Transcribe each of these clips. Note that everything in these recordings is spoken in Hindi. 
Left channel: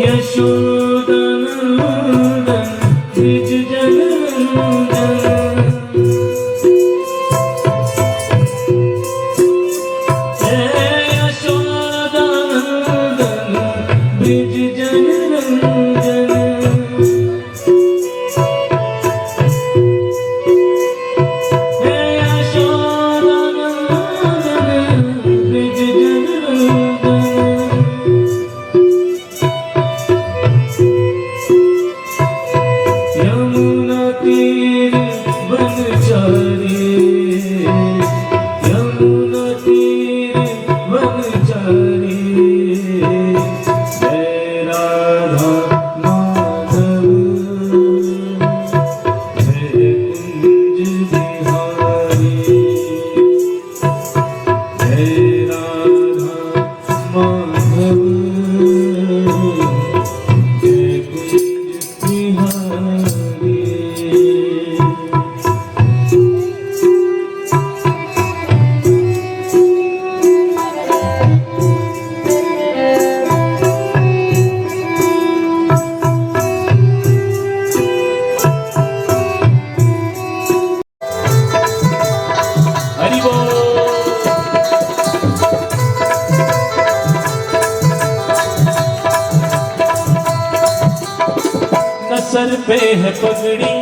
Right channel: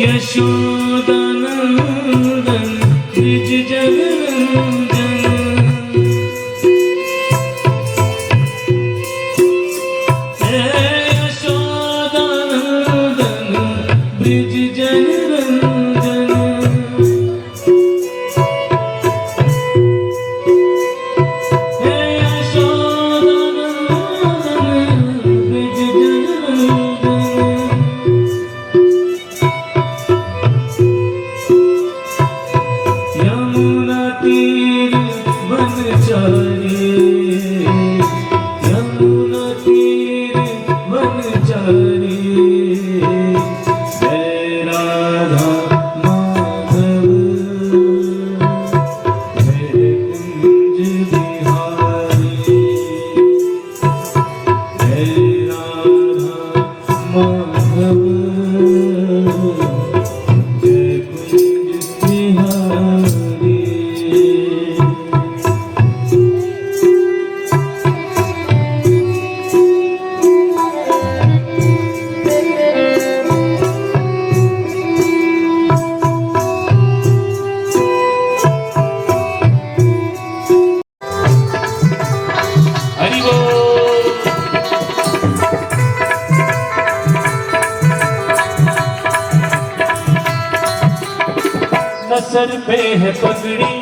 यशोदानंदन ब्रिज जनरंजन। हे यशोदानंदन ब्रिज जनरंजन। हे यशोदानंदन ब्रिज जनरंजन। यमुना तीर वनचारी, यमुना तीर वनचारी। जय राधा माधव जय कुंज बिहारी। जय राधा माधव जय कुंज बिहारी। हरि बोल। न सर पे है पगड़ी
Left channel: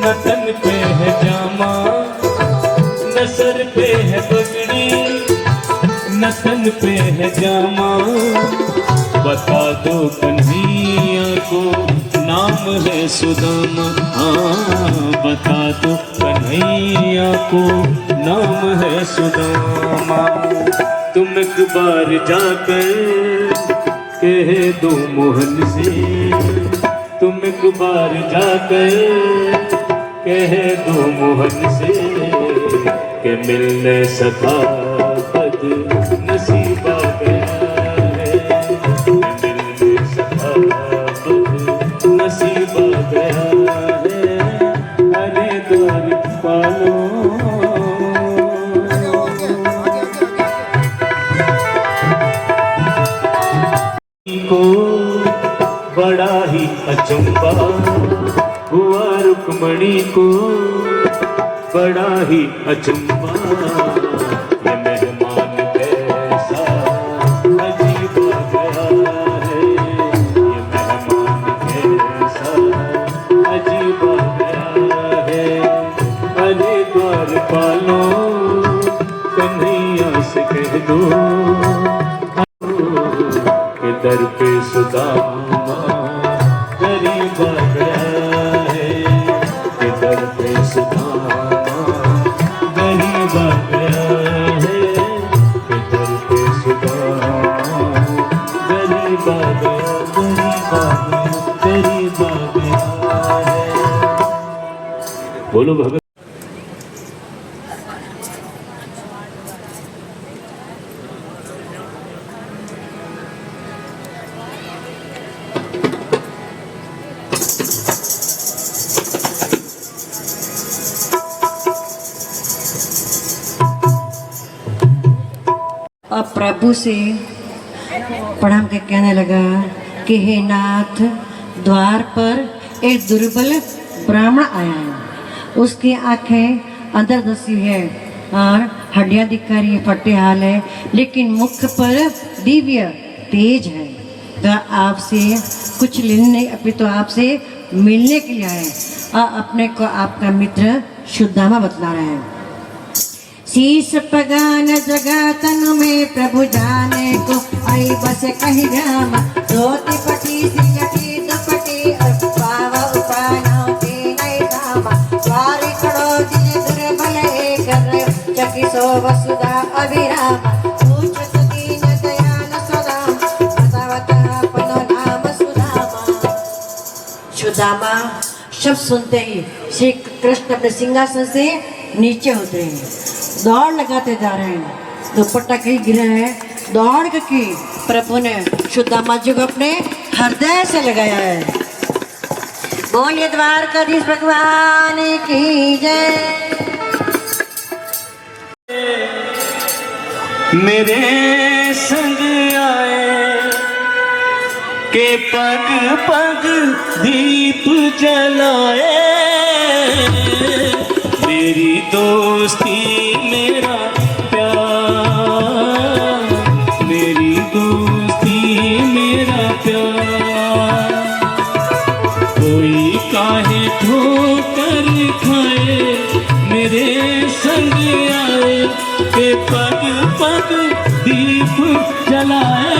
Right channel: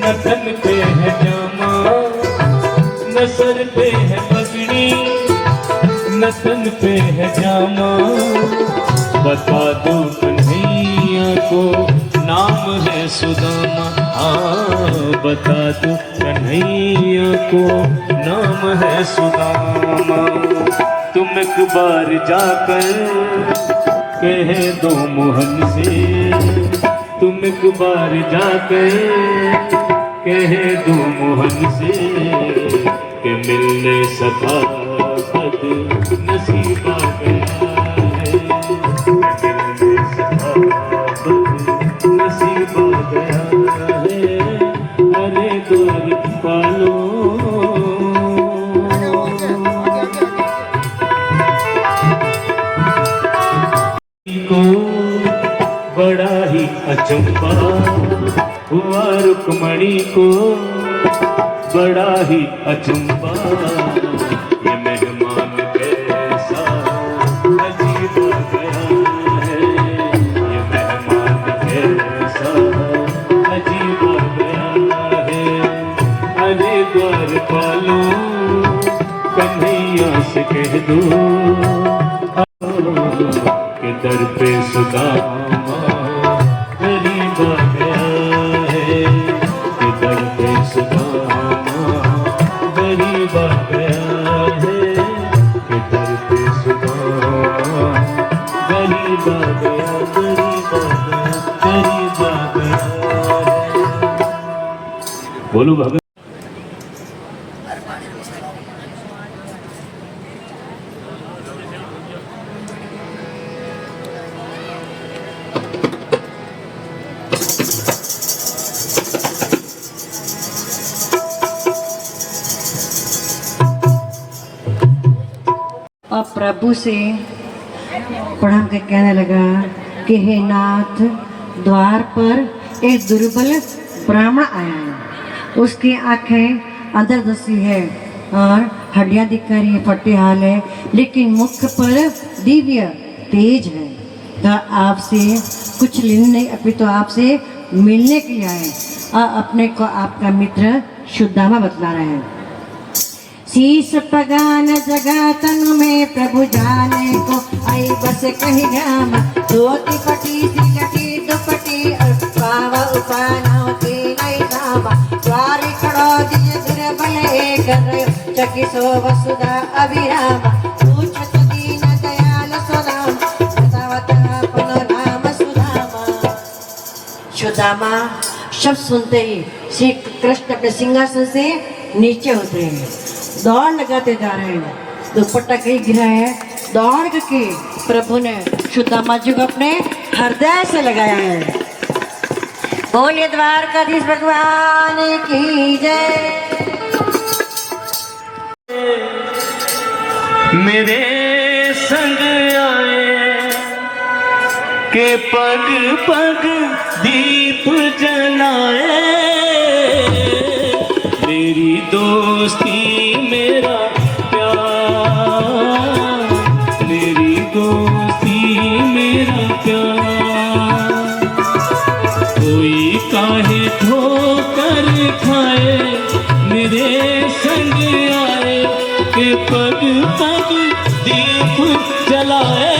न तन पे है जामा। न सर पे है पगड़ी न तन पे है जामा। बता दो कन्हैया को नाम है सुदामा। बता दो कन्हैया को नाम है सुदामा। तुम एक बार जाकर कह दो मोहन से। तुम एक बार जाकर कह दो मोहन से कि मिलने सका बद नसीबा गया है। मिलने सका बद नसीबा गया है। अरे द्वार पालो को बड़ा ही अचंबा हुआ। रुक्मणी को बड़ा ही अचंबा। ये मेहमान कैसा अजीब गया है। ये मेहमान कैसा अजीब गया है। अरे द्वार पालो कन्हैया से कह दो के दर पे सुदामा गरीब आ गया है। के दर पे सुदामा गरीब आ गया है। के दर पे सुदामा गरीब आ गया, गरीब आ गया, गरीब आ गया है। बोलो भगत। और प्रभु से प्रणाम के कहने लगा कि हे नाथ, द्वार पर एक दुर्बल ब्राह्मण आया है। उसकी आंखें अंतर्दृष्टि है और हड्डियां दिख रही है, फटे हाल है, लेकिन मुख पर दिव्य तेज है। तो आपसे कुछ लेने नहीं, अभी तो आपसे मिलने के लिए आए और अपने को आपका मित्र सुदामा बतला रहे हैं। शीश पगान जगह तनु में प्रभु जाने को आई बस कहीं ग्राम। धोती पटी सी लगी दुपटी पाव उताना के नए धाम। द्वारी खड़ो दिल दुर्बल एक चकी सो वसुधा अभिराम। पूछत दीन दयाल सुदाम बतावत अपनो नाम सुदामा। सुदामा शब्द सुनते ही श्री कृष्ण अपने सिंहासन से नीचे उतरे हैं, दौड़ लगाते जा रहे हैं। दुपट्टा कहीं गिरा है, दौड़ करके प्रभु ने सुदामा जी को अपने हृदय से लगाया है। बोलिए द्वारकाधीश भगवान की जय। मेरे संग आए के पग पग दीप जलाए, मेरी दोस्ती मेरा प्यार, मेरी दोस्ती मेरा प्यार। कोई काहे ठोकर खाए मेरे संग आए, के पग पग दीप जलाए,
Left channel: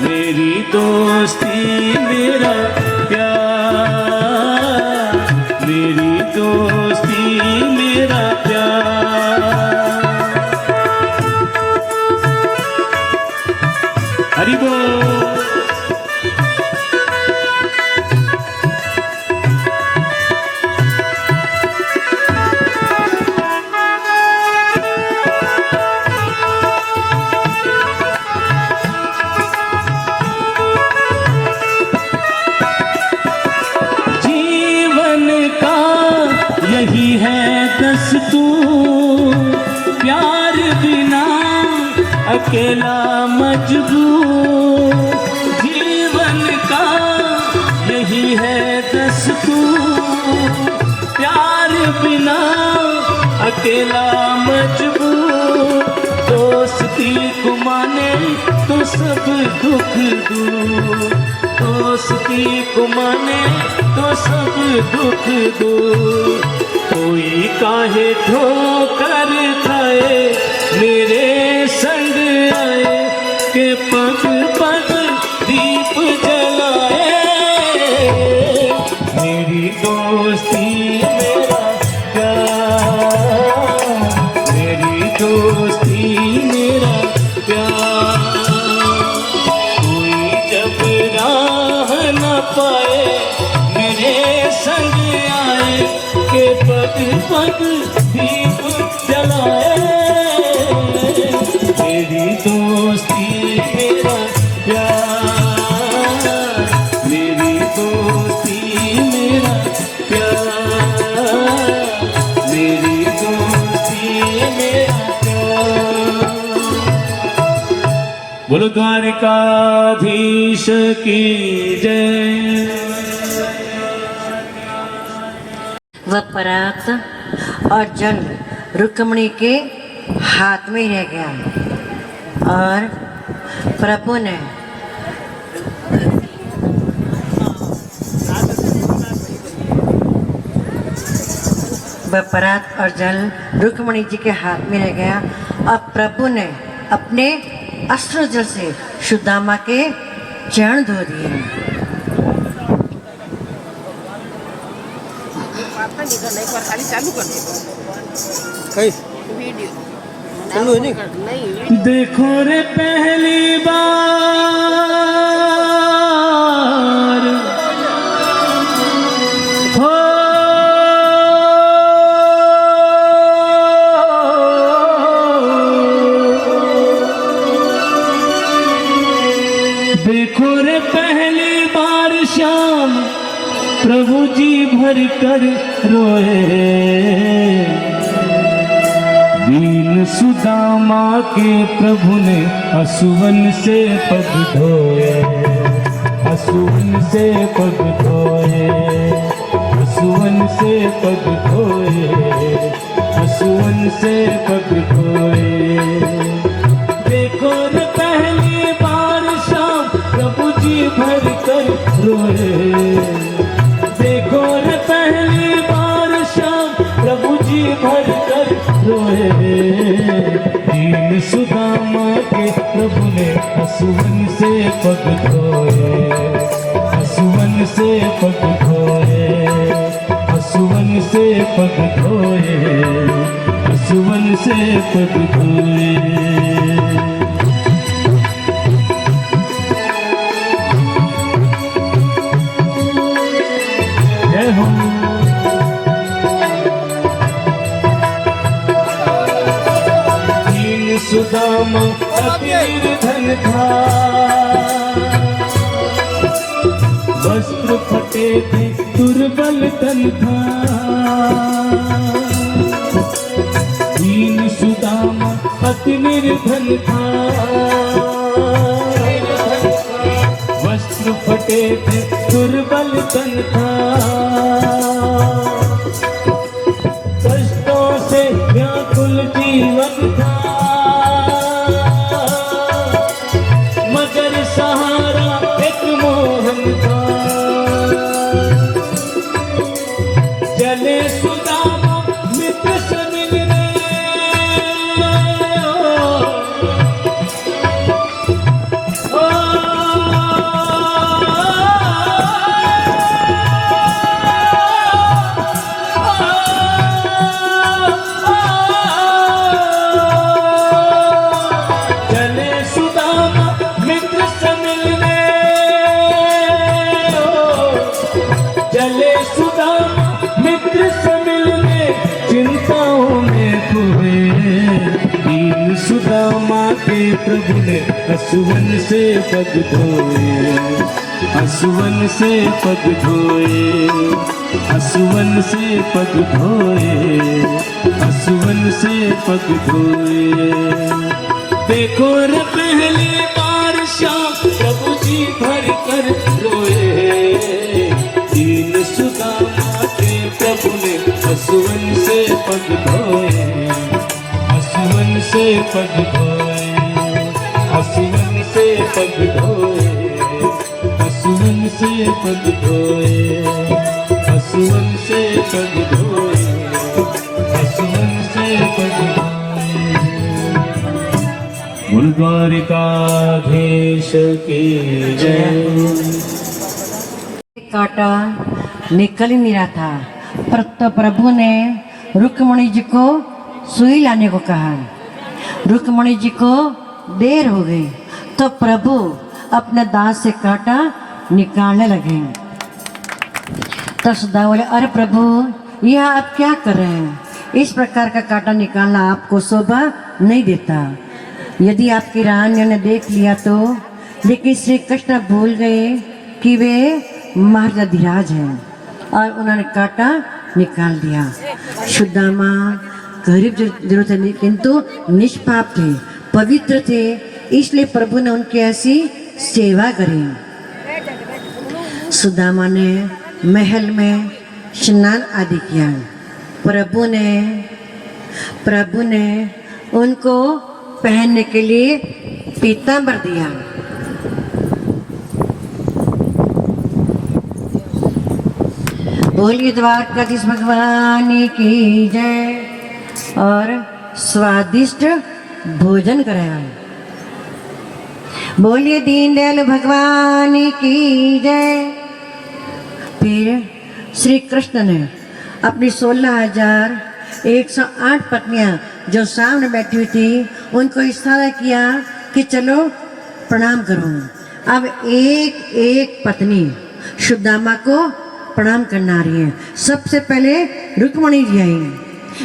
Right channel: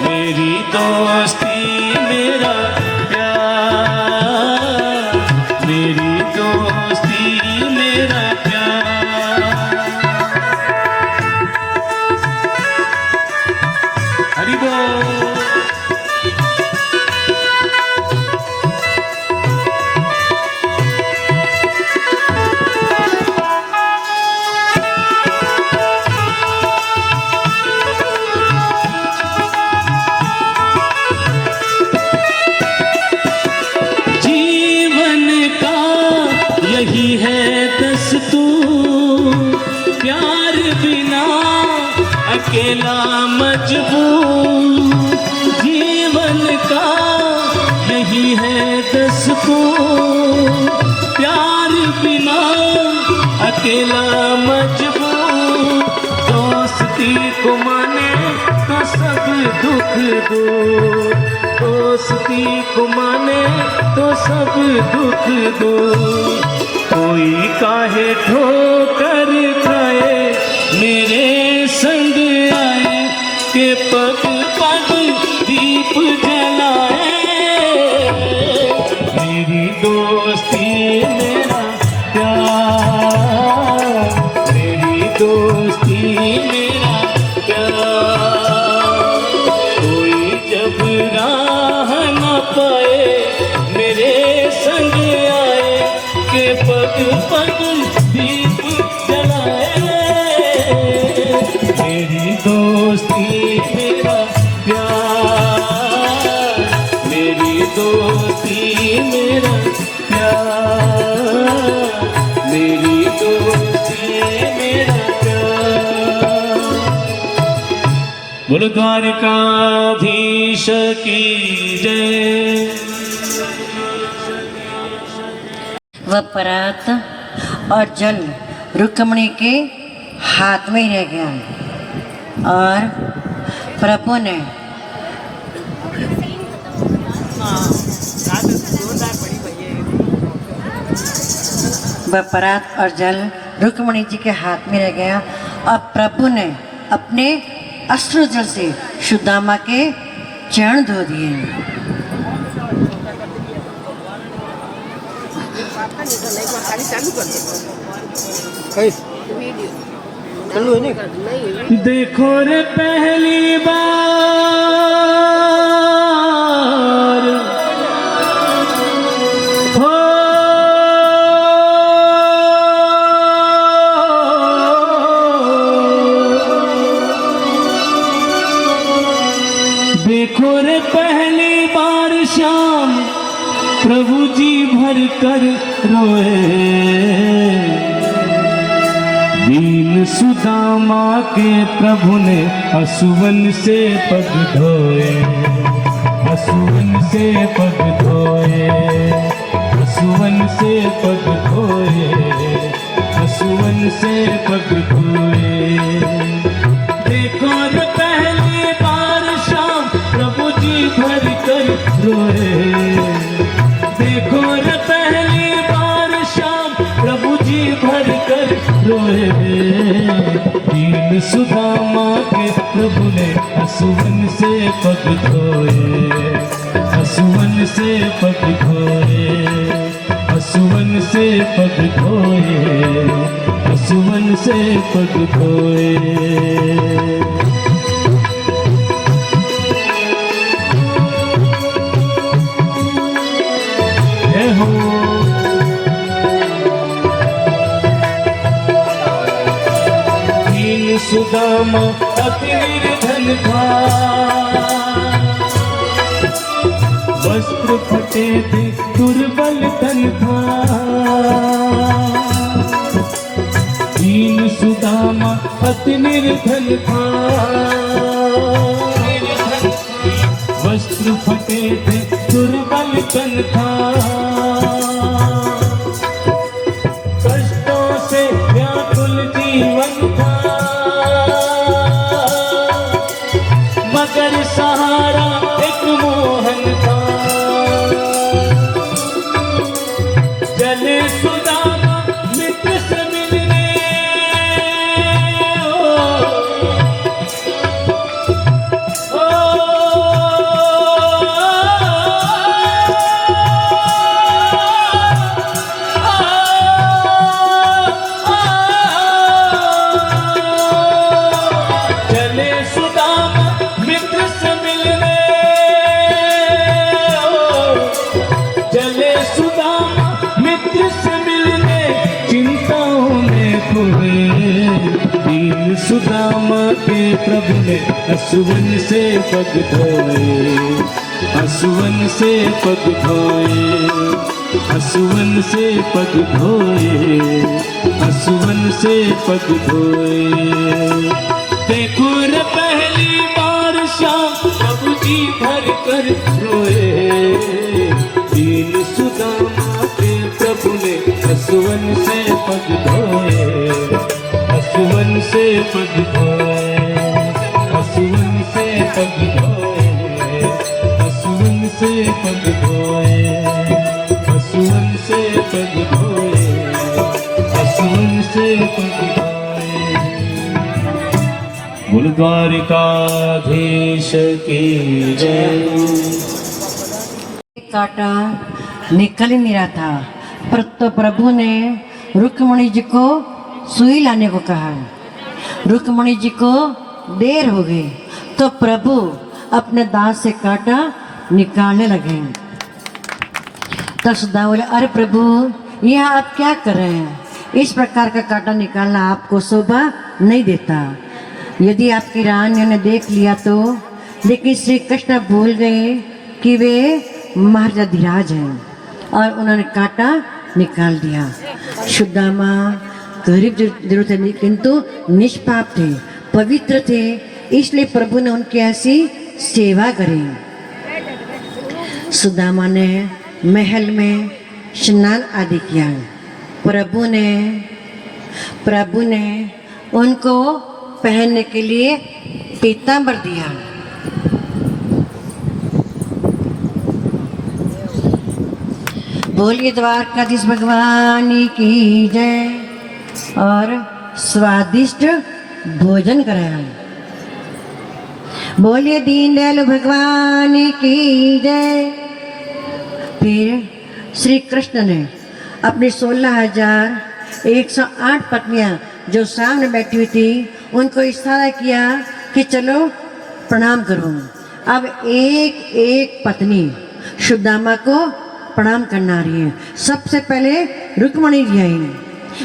मेरी दोस्ती मेरा प्यार, मेरी दोस्ती मेरा प्यार। हरि बोल। प्यार बिना अकेला मजबूर, जीवन का यही है दस्तूर। प्यार बिना अकेला मजबूर, दोस्ती को माने तो सब दुख दूर, दोस्ती को माने तो सब दुख दूर। कोई काहे ठोकर खाए मेरे संग आए, के पग पग दीप जलाए, मेरी दोस्ती मेरा प्यार, मेरी दोस्ती मेरा प्यार। कोई जब राह न पाए मेरे संग आए, के पग पग दीप जलाए, मेरी दोस्ती मेरा प्यार, मेरी दोस्ती मेरा प्यार, मेरी दोस्ती मेरा प्यार। बोलो द्वारकाधीश की जय। वह परात और जल रुक्मणी के हाथ में ही रह गया और प्रभु ने वह परात और जल रुक्मणी जी के हाथ में रह गया और प्रभु ने अपने अश्रुजल से सुदामा के चरण धो दिए। देखो रे पहली बार हो, देखो रे पहली बार श्याम प्रभु जी भर कर रोए, दीन सुदामा के प्रभु ने असुवन से पग धोए, असुवन से पग धोए, असुवन से पग धोए, असुवन से पग धोए। देखो न पहली बार शाम प्रभु जी भर कर रोए, देखो न पहली बार शाम प्रभु जी भर कर रोए, दीन सुदामा के प्रभु ने असुवन से पग धोए, असुवन से पग धोए, असुवन से पग धोए, असुवन से पग धोए। जय हो। सुदामा अति निर्धन था, वस्त्र फटे थे दुर्बल तन था, दीन सुदामा अति निर्धन था, भी दुर्बल तन था, कष्टों से व्याकुल जीवन था, मगर सहारा एक मोहन था। चले सुदामा मित्र से मिलने, चले सुदामा मित्र से मिलने, चले सुदामा मित्र से मिलने, चिंताओं में खोए दीन सुदामा के प्रभु ने हसुवन से पग धोए, हसुवन से पग धोए, हसुवन से पग धोए, हसुवन से पग धोए। देखो रे पहली बार श्याम प्रभु जी भर कर रोए, दीन सुदामा के प्रभु ने हसुवन से पग धोए, हसुवन से पग धोए, हसुवन से पग धोए, हसुवन से पग धोए, हसुवन से पग धोए, हसुवन से पग धोए। बोल द्वारिकाधीश की जय। काटा निकल ही नहीं रहा था, पर तो प्रभु ने रुक्मणी जी को सुई लाने को कहा। रुक्मणी जी को देर हो गई तो प्रभु अपने दांत से काटा निकालने लगे। तब सुधा बोले, अरे प्रभु यह आप क्या कर रहे हैं? इस प्रकार का काटा निकालना आपको शोभा नहीं देता। यदि आपकी रानी ने देख लिया तो। लेकिन श्री कृष्ण भूल गए कि वे महाराजाधिराज हैं और उन्होंने काटा निकाल दिया। सुदामा गरीब जरूर थे किंतु निष्पाप थे, पवित्र थे, इसलिए प्रभु ने उनकी ऐसी सेवा करी। सुदामा ने महल में स्नान आदि किया। प्रभु ने उनको पहनने के लिए पीतांबर दिया। बोलिए द्वारकाधीश भगवान की जय। और स्वादिष्ट भोजन कराया। बोलिए दीनदयाल भगवान की जय। फिर श्री कृष्ण ने अपनी 16,108 पत्नियां जो सामने बैठी हुई थी उनको इशारा किया कि चलो प्रणाम करो। अब एक एक पत्नी सुदामा को प्रणाम करना रही है। सबसे पहले रुक्मणी जी आई।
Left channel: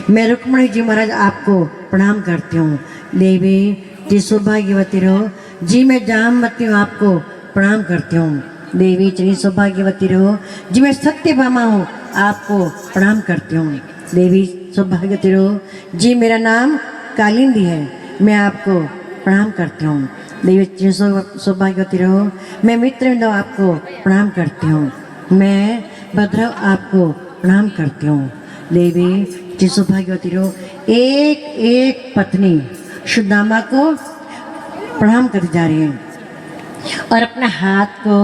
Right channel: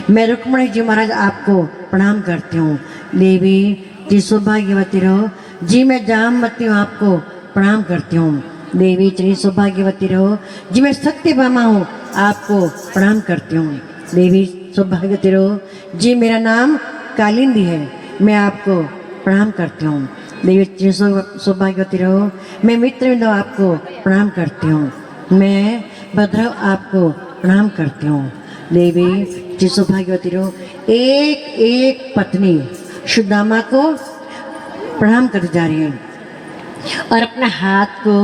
मैं रुक्मणी जी महाराज आपको प्रणाम करती हूँ। देवी जी सौभाग्यवती रहो। जी मैं जामवती हूँ, आपको प्रणाम करती हूँ। देवी जी सौभाग्यवती रहो। जी मैं सत्यभामा हूँ, आपको प्रणाम करती हूँ। देवी सौभाग्यवती रहो। जी मेरा नाम कालिंदी है, मैं आपको प्रणाम करती हूँ। देवी जी सौभाग्यवती रहो। मैं मित्रविंदो आपको प्रणाम करती हूँ। मैं भद्रव आपको प्रणाम करती हूँ। देवी जी सौभाग्यवती रहो। एक एक पत्नी सुदामा को प्रणाम करती जा रही है और अपने हाथ को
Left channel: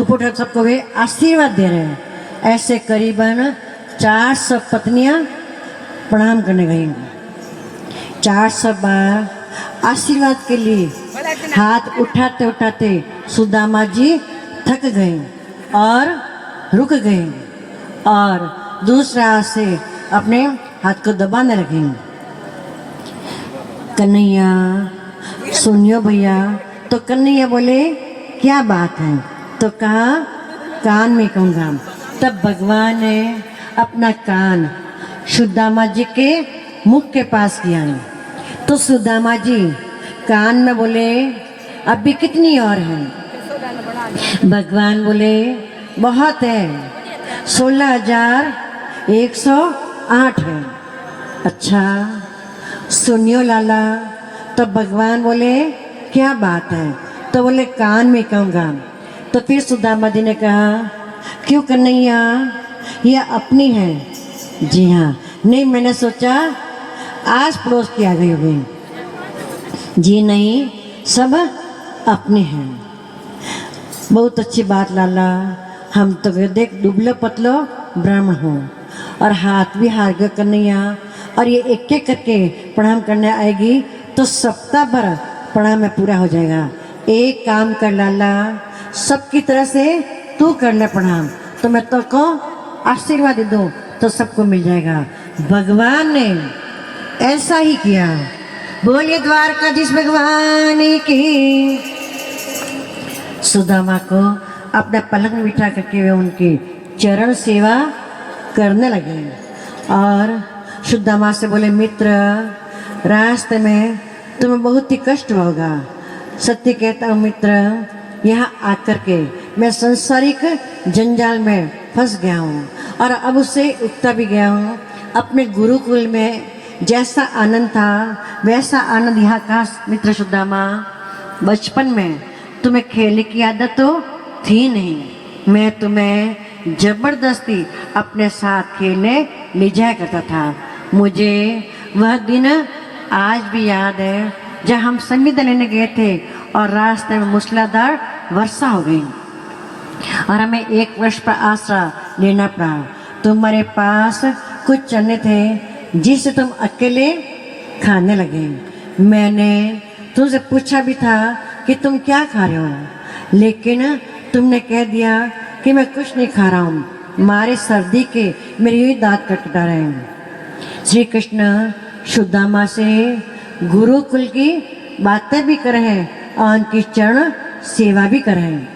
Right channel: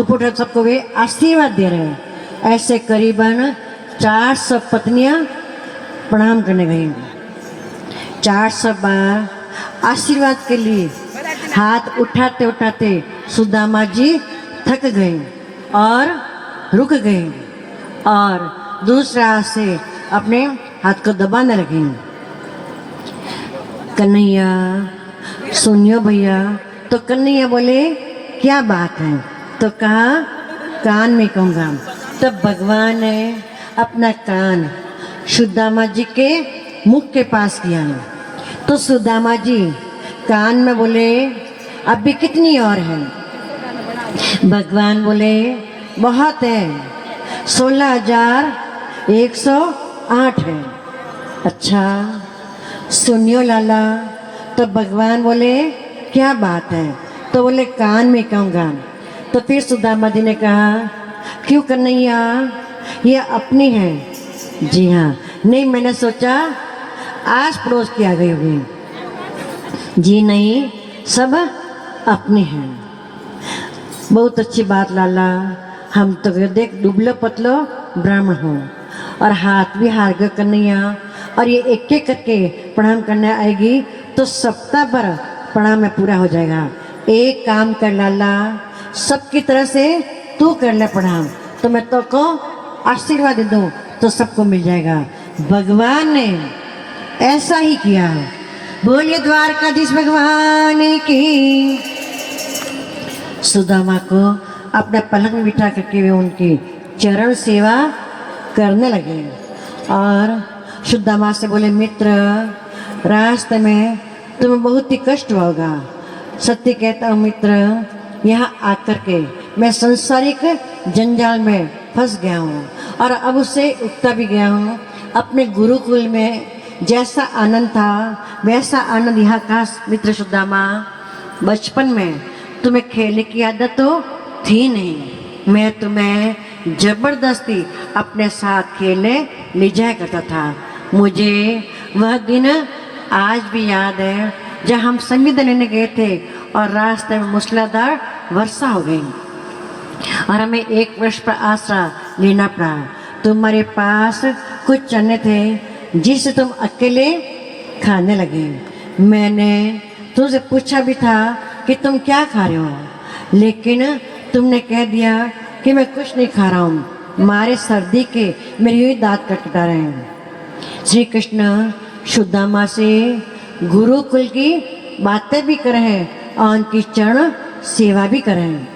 ऊपर उठा सबको वे आशीर्वाद दे रहे हैं। ऐसे करीबन 400 पत्नियां प्रणाम करने गई। 400 बार आशीर्वाद के लिए हाथ उठाते उठाते सुदामा जी थक गए और रुक गए और दूसरा हाथ से अपने हाथ को दबाने लगे। कन्हैया सुनियो भैया। तो कन्हैया बोले क्या बात है? तो कहा कान में कहूँगा। तब भगवान ने अपना कान सुदामा जी के मुख के पास किया। तो सुदामा जी कान में बोले अभी कितनी और है? भगवान बोले बहुत है, 16,108 है। अच्छा सुनियो लाला। तो भगवान बोले क्या बात है? तो बोले कान में कहूँगा। तो तो फिर सुदामा जी ने कहा, क्यों कन्हैया, ये अपनी है? जी हाँ। नहीं, मैंने सोचा आस पड़ोस की आ गई होगी। जी नहीं, सब अपनी हैं। बहुत अच्छी बात लाला, हम तो देख दुबलो पतलो ब्राह्मण हूँ और हाथ भी हार गए कन्हैया, और ये एक एक करके प्रणाम करने आएगी तो सप्ताह भर प्रणाम में पूरा हो जाएगा। एक काम कर लाला, सबकी तरह से तू कर ले प्रणाम, तो मैं तो को आशीर्वाद दे दूँ तो सबको मिल जाएगा। भगवान ने ऐसा ही किया। बोलिए द्वारकाधीश भगवान की। सुदामा को अपने पलंग में बिठा करके वे उनकी चरण सेवा करने लगे और सुदामा से बोले, मित्र, रास्ते में तुम्हें बहुत ही कष्ट होगा। सत्य कहता हूँ मित्र, यहाँ आकर के मैं संसारिक जंजाल में फंस गया हूँ और अब उससे उगता भी गया हूँ। अपने गुरुकुल में जैसा आनंद था वैसा आनंद यहाँ का। मित्र सुदामा, बचपन में तुम्हें खेलने की आदत तो थी नहीं, मैं तुम्हें जबरदस्ती अपने साथ खेलने ले जाया करता था। मुझे वह दिन आज भी याद है जब हम संगीत लेने गए थे और रास्ते में मूसलाधार वर्षा हो गई और हमें 1 वर्ष पर आसरा लेना पड़ा। तुम्हारे पास कुछ चने थे जिसे तुम अकेले खाने लगे। मैंने तुमसे पूछा भी था कि तुम क्या खा रहे हो, लेकिन तुमने कह दिया कि मैं कुछ नहीं खा रहा हूँ, मारे सर्दी के मेरे ही दांत कटा रहे हैं। श्री कृष्ण सुदामा से गुरुकुल की बातें भी कर रहे हैं और उनकी चरण सेवा भी कर रहे हैं।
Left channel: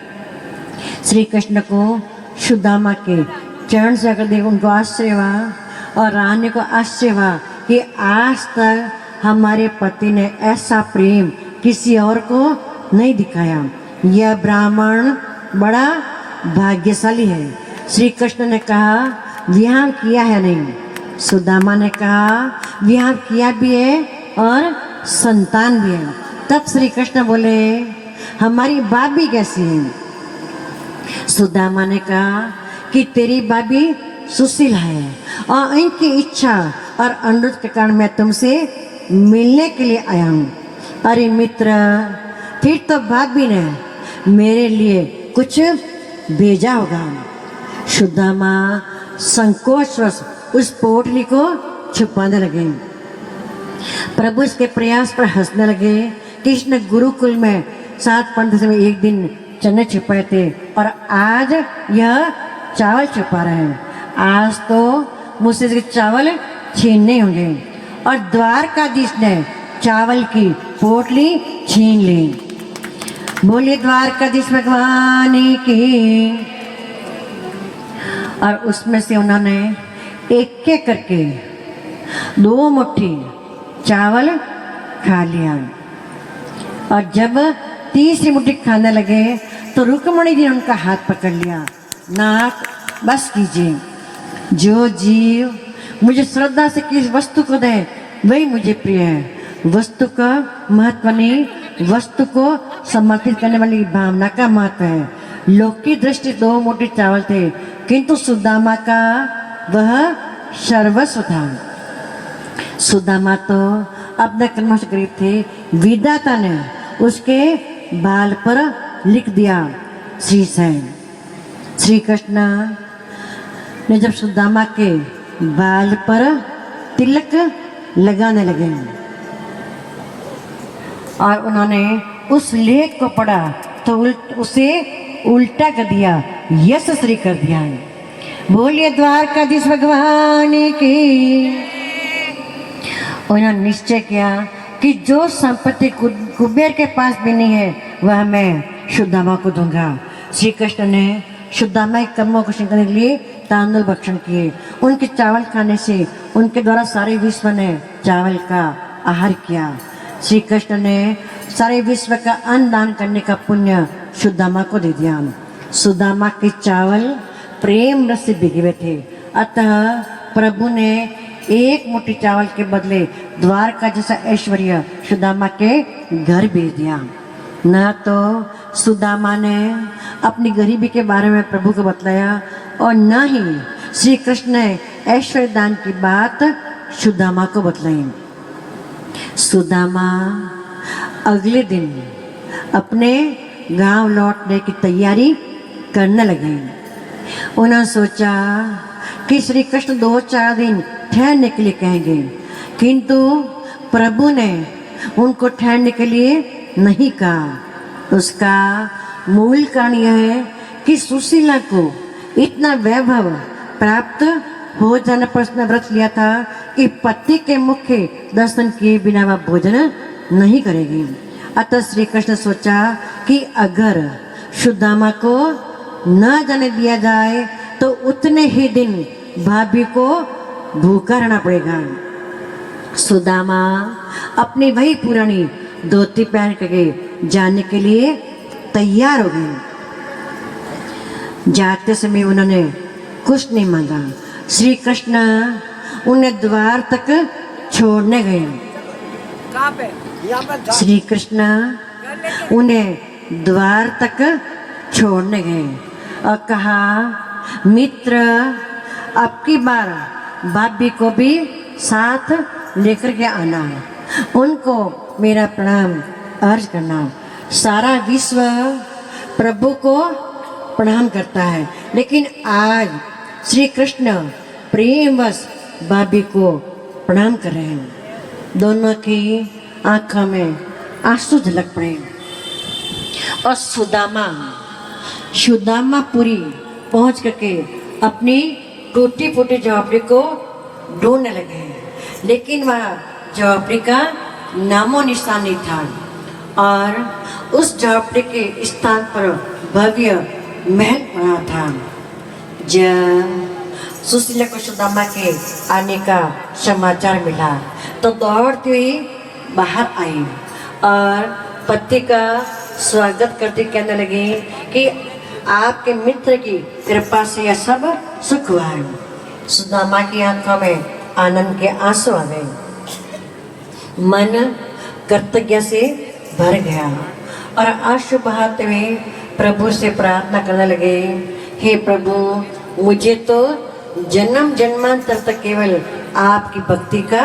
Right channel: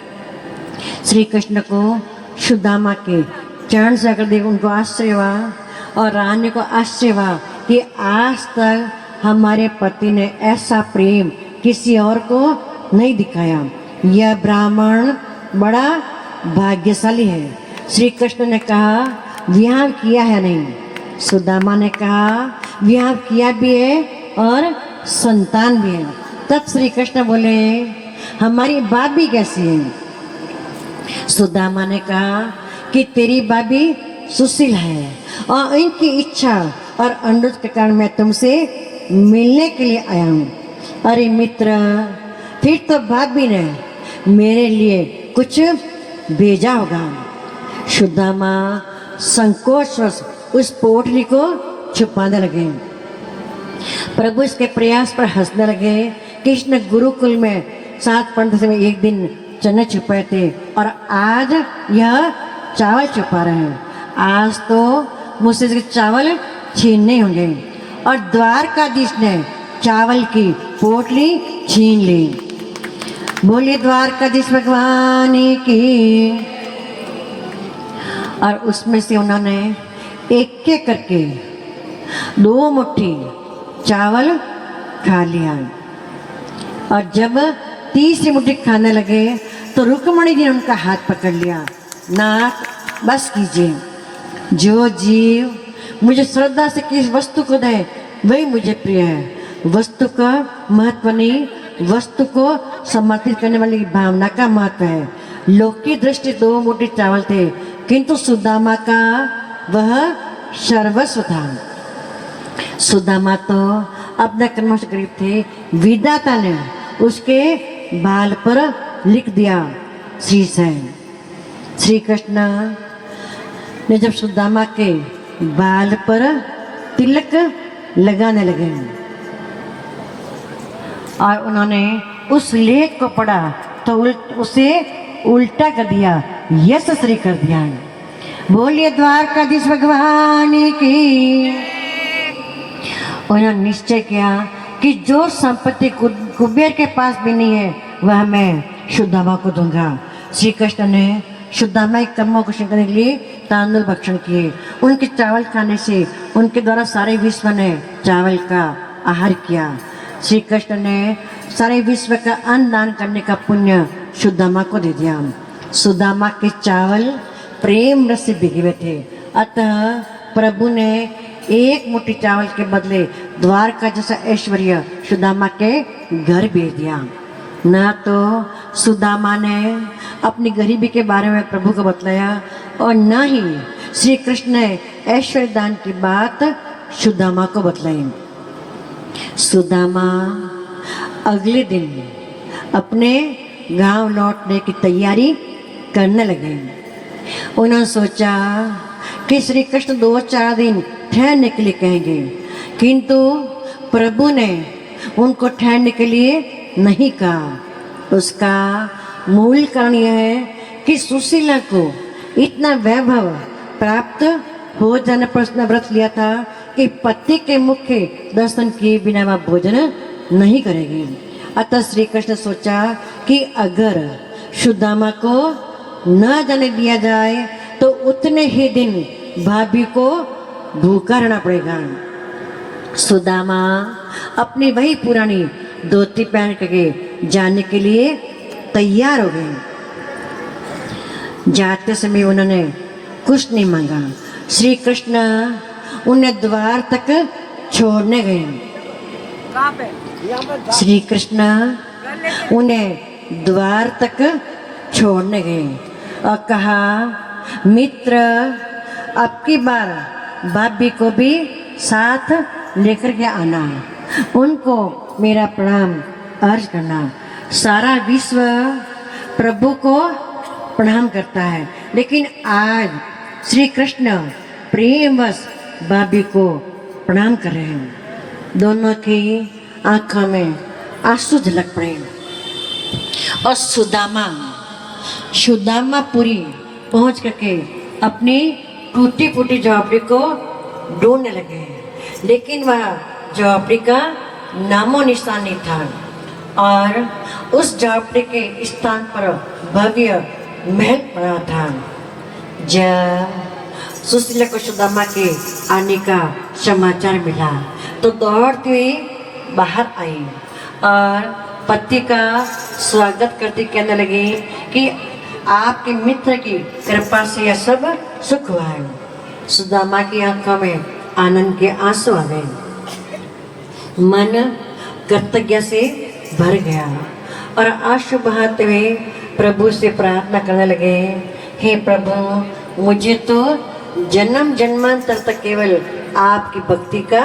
श्री कृष्ण को सुदामा के चरण से अगर देख उनको आश्चर्य हुआ और रानी को आश्चर्य हुआ कि आज तक हमारे पति ने ऐसा प्रेम किसी और को नहीं दिखाया। यह ब्राह्मण बड़ा भाग्यशाली है। श्री कृष्ण ने कहा, विवाह किया है नहीं? सुदामा ने कहा, विवाह किया भी है और संतान भी है। तब श्री कृष्ण बोले, हमारी भाभी कैसी है? सुदामा ने कहा कि तेरी भाभी सुशील है और इनकी इच्छा और अनुरोध के कारण मैं तुमसे मिलने के लिए आया हूँ। अरे मित्र, फिर तो भाभी ने मेरे लिए कुछ भेजा होगा। सुदामा संकोचवश उस पोटली को छुपाने लगे। प्रभु इसके प्रयास पर हंसने लगे। कृष्ण गुरुकुल में 7 पंडित में एक दिन चने छुपाए थे और आज यह चावल छुपा रहे हैं। आज तो मुझसे इसके चावल छीनने होंगे। और द्वारकाधीश ने चावल की पोटली छीन ली। बोलिए द्वारकाधीश भगवान की। और उसमें से उन्होंने एक एक करके 2 मुट्ठी चावल खा लिया। और जब तीसरी मुट्ठी खाने लगे तो रुक्मणी जी ने उनका हाथ पकड़ लिया। नाथ, बस कीजिए। जो जीव मुझे श्रद्धा से किस वस्तु को दे वही मुझे प्रिय है। वस्तु का महत्व नहीं, वस्तु को समर्पित करने वाली भावना का महत्व है। लोक की दृष्टि 2 मुट्ठी चावल थे, किंतु सुदामा का वह सर्वस्व था। सुदामा तो अपने कर्मों से गरीब थे। विधाता ने उसके बाल पर लिख दिया श्री से। श्री कृष्ण ने जब सुदामा के बाल पर तिलक लगाने लगे और उन्होंने उस लेख को पढ़ा तो उसे उल्टा कर दिया, यश श्री कर दिया। बोलिए द्वारकाधीश भगवान की। उन्होंने निश्चय किया कि जो संपत्ति कुबेर के पास भी नहीं है वह मैं सुदामा को दूंगा। श्री कृष्ण ने सुदामा के कर्मों को करने के लिए तांदुल भक्षण किए। उनके चावल खाने से उनके द्वारा सारे विश्व ने चावल का आहार किया। श्री कृष्ण ने सारे विश्व का अन्न दान करने का पुण्य सुदामा को दे दिया। सुदामा के चावल प्रेम रस से भिगे हुए थे, अतः प्रभु ने 1 मुट्ठी चावल के बदले द्वारका जैसा ऐश्वर्य सुदामा के घर भेज दिया। ना तो सुदामा ने अपनी गरीबी के बारे में प्रभु को बतलाया और न ही श्री कृष्ण ने ऐश्वर्य दान की बात सुदामा को बतलाई। सुदामा अगले दिन अपने गांव लौटने की तैयारी करने लगे। उन्होंने सोचा कि श्री कृष्ण 2-4 दिन ठहरने के लिए कहेंगे, किंतु प्रभु ने उनको ठहरने के लिए नहीं कहा। उसका मूल कारण यह है कि सुशीला को इतना वैभव प्राप्त हो जाने पर उसने व्रत लिया था कि पति के मुख के दर्शन किए बिना वह भोजन नहीं करेगी। अतः श्री कृष्ण सोचा कि अगर सुदामा को न जाने दिया जाए तो उतने ही दिन भाभी को भूखा रहना पड़ेगा। सुदामा अपनी वही पुरानी धोती पहन करके जाने के लिए तैयार हो गए। जाते समय उन्होंने कुछ नहीं मांगा। श्री कृष्ण उन्हें द्वार तक छोड़ने गए। श्री कृष्ण उन्हें द्वार तक छोड़ने गए और कहा, मित्र अब की बार भाभी को भी साथ लेकर के आना, उनको मेरा प्रणाम अर्ज करना। सारा विश्व प्रभु को प्रणाम करता है, लेकिन आज श्री कृष्ण प्रेमवश भाभी को प्रणाम कर रहे हैं। दोनों की आंखों में आंसू झलक पड़े और सुदामापुरी पहुंच करके अपनी टूटी फूटी झोपड़ी को ढूंढने लगे, लेकिन वह झोपड़ी का नामो निशान नहीं था और उस झोपड़ी के स्थान पर भव्य महल पड़ा था। जब सुशीला को सुदामा के आने का समाचार मिला तो दौड़ती हुई बाहर आई और पति का स्वागत करते कहने लगी कि आपके मित्र की कृपा से यह सब सुख हुआ है। सुदामा की आंखों में आनंद के आंसू आ गए, मन कृतज्ञता से भर गया और आंसू बहाते हुए प्रभु से प्रार्थना करने लगे, हे प्रभु, मुझे तो जन्म जन्मांतर तक केवल आपकी भक्ति का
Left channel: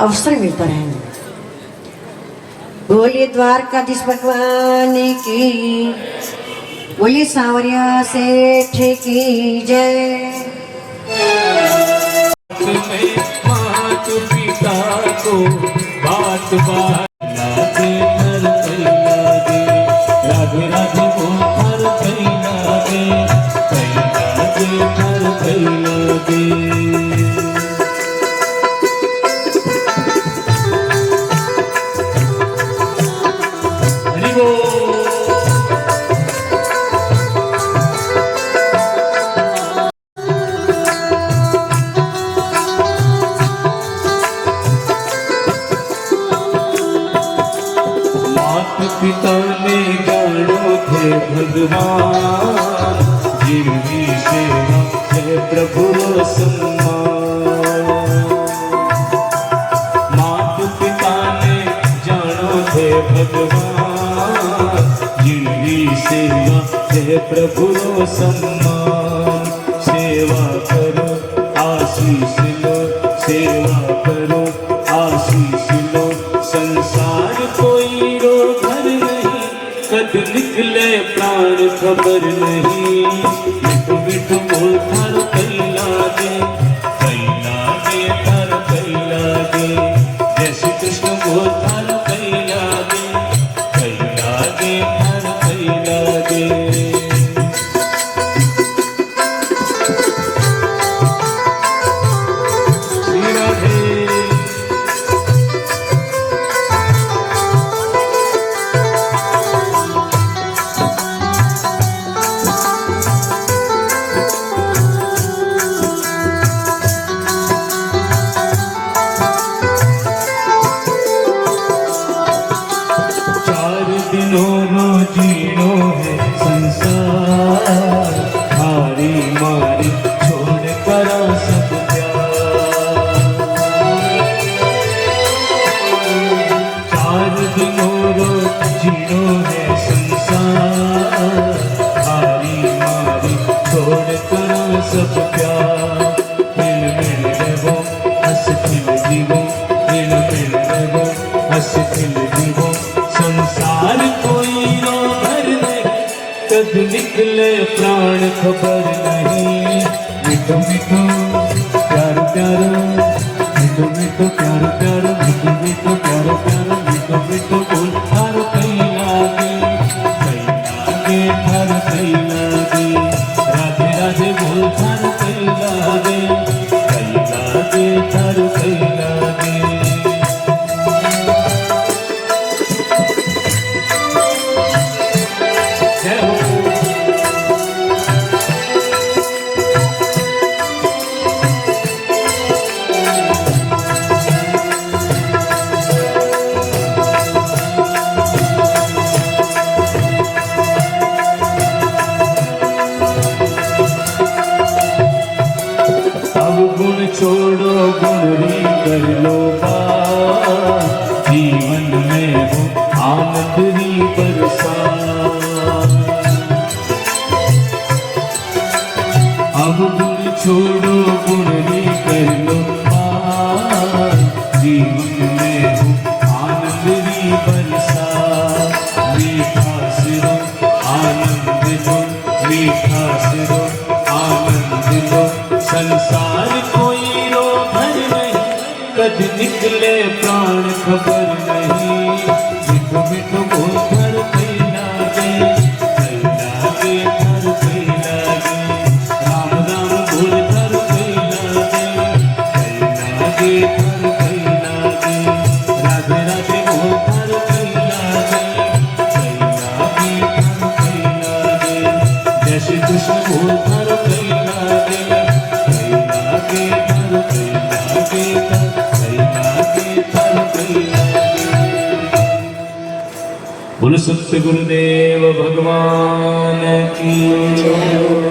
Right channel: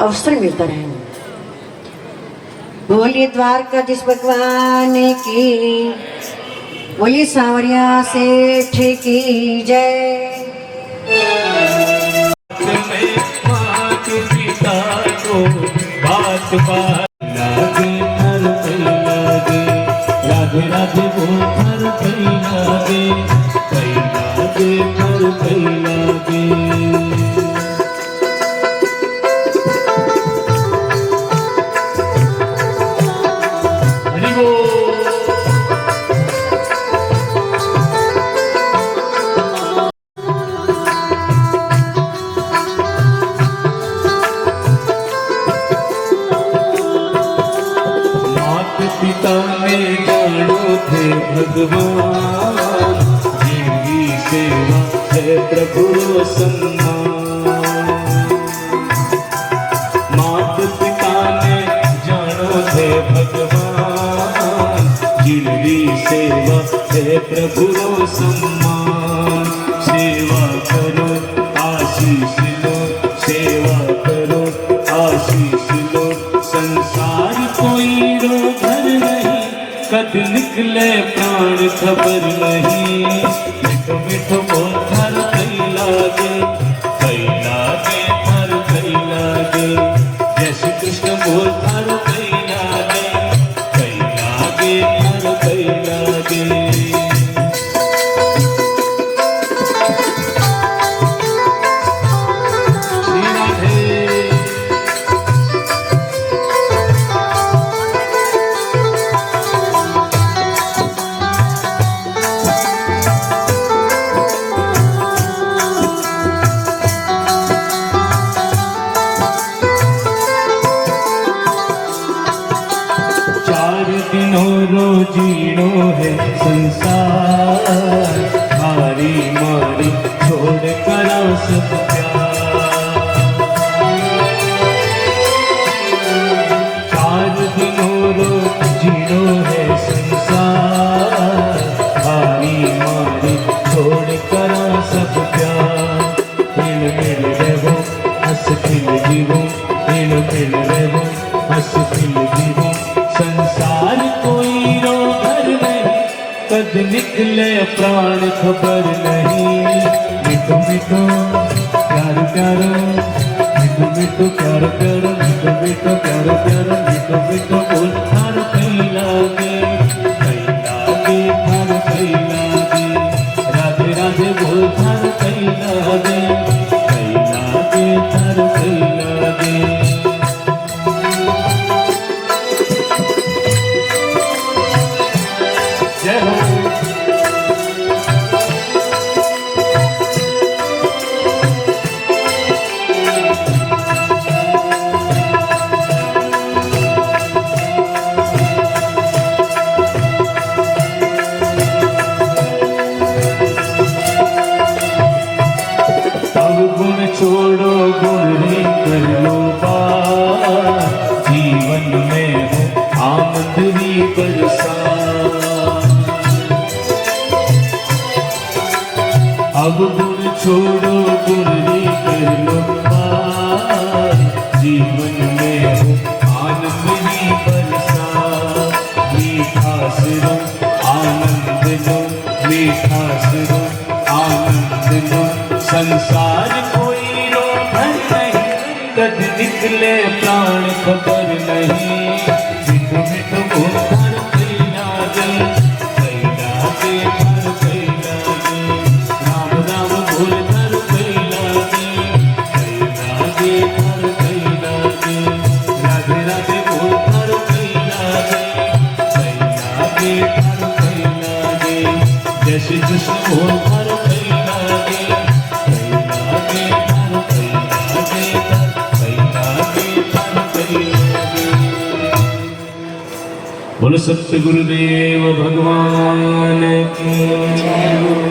अवसर मिलता रहे। बोलिए द्वारकाधीश भगवान की, बोलिए सांवरिया सेठ की जय। मात पिता को बात बात लागे राधे वो हर कई लागे हर कई लागे। हरि बोल। पिता ने जानो थे भगवान, जीवी सेवा है प्रभु रो सम्मान। मात पिता ने जानो थे भगवान, जीवी सेवा है प्रभु रो सम्मान। सेवा करो आशीष लो, सेवा करो आशीष लो, संसार कोई रो कद निकले प्राण खबर नहीं। मिठो मिठो मोर थर कई लागे थर कई लागे। जय श्री कृष्ण मोर थर कई लागे थर कई लागे। श्री राधे। 4 दिनों रो जीनो है कद निकले प्राण खबर नहीं। मिठो मिठो प्यार प्यारो, मिठो मिठो प्यार प्यारो, मिठो मिठो प्यार प्यारो, मिठो मिठो बोल थार कहीं लागे, थार कहीं लागे, राधे राधे बोल थार कहीं लागे, थार कहीं लागे। जय हो। गुण छोड़ो गुण ही कर लो बात, जीवन में हो आनंद ही बरसा। अब गुण छोड़ो गुण ही कर लो बात, जीवन में हो आनंद ही बरसा। मीठा सिरो आनंद लो, मीठा सिरो आनंद लो, संसार कोई रोधर नहीं, कद निकले प्राण खबर नहीं। मिठो मिठो बोल घर कहीं लागे, कहीं लागे घर कहीं लागे, राम राम बोल घर कहीं लागे, कहीं लागे घर कहीं लागे, राधे राधे बोल घर कहीं लागे, कहीं लागे घर कहीं लागे, जय श्री कृष्ण बोल घर कहीं लागे, बोलो सत्य गुरुदेव भगवान की।